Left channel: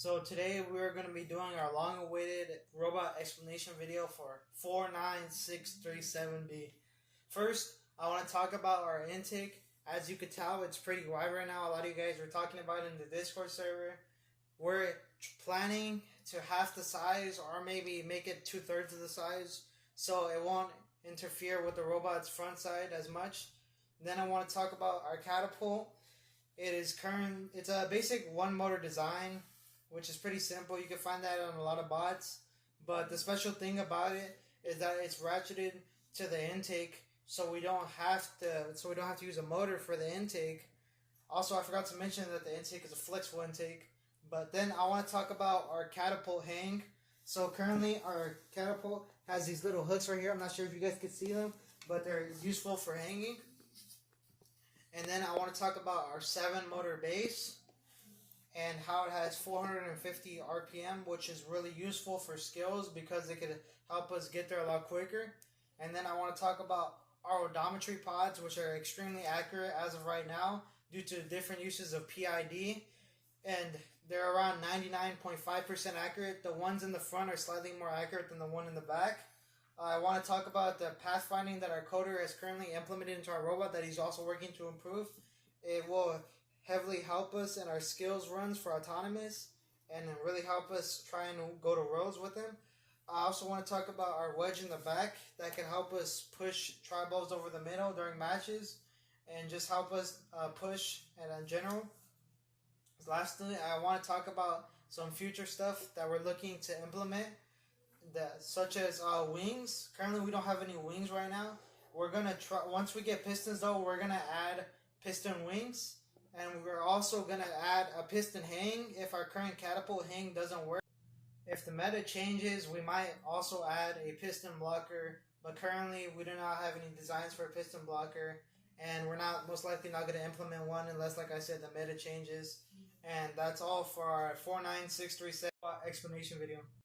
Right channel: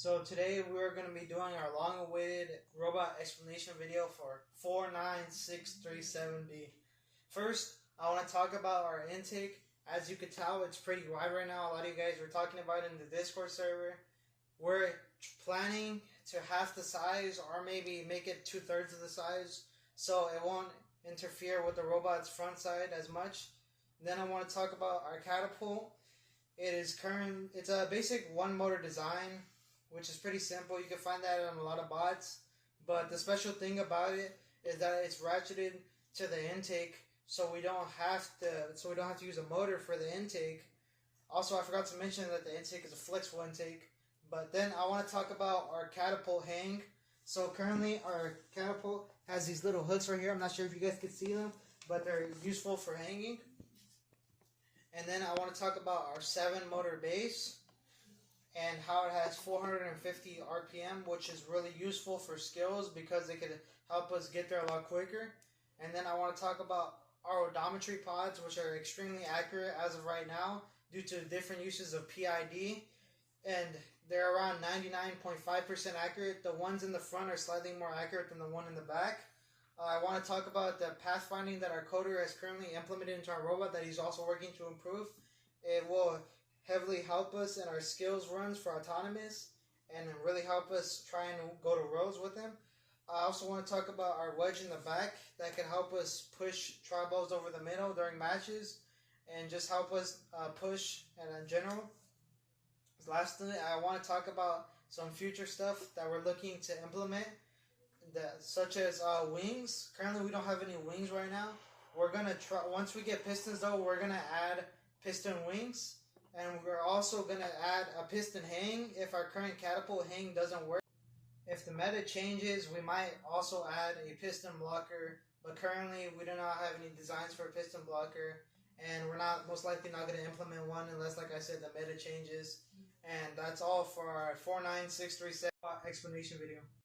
So today we're going to be doing our long-awaited robot explanation video for 49637B. First, I want to talk about our intake. As you can tell, it's pretty wide right now. A lot of you guys were talking about it in the Discord server. We're planning to half the size or maybe make it 2/3 of the size so it won't interfere with the robot's front side as much. Then I want to talk about our catapult. It's a basic one motor design, which is pretty simple. You can find that on a lot of bots. But the special thing about it is that it's ratcheted to the intake, so we don't have to use a motor for the intake. Also, I forgot to mention that the intake is a flexible intake. But then I want to talk about our catapult hang. So currently our catapult has these little hooks right here. I'm not sure if you guys can see them, but they're useful for hanging. And then I want to talk about our 7-motor base and how it has 450 RPM, which is really useful for skills because it could help us get there a lot quicker. And then I want to talk about our odometry pods, which are extremely accurate as of right now due to different uses of PID. And they're around 99.5% accurate. The ones in the front are slightly more accurate than the one in the back. I want to talk about the pathfinding that our coder has currently implemented into our robot that he's also working to improve. It will heavily help us in our skills runs for autonomous and really help us try and go to roads with him. I also want to talk about our wedge in the back that can help us push tri-balls over the middle during matches and just help us push and in general. Lastly, I want to talk about some future stuff that we're looking to implement, such as wings. Currently, we don't have any wings right now. We're gonna try once we get pistons, though. We're gonna add piston wings, and we're also gonna add a piston hang if our current catapult hang doesn't work. If the meta changes, we might also add a piston blocker. But currently, we do not have any designs for a piston blocker, and we're most likely not gonna implement one unless, like I said, the meta changes. And that's all for our 49637 explanation video.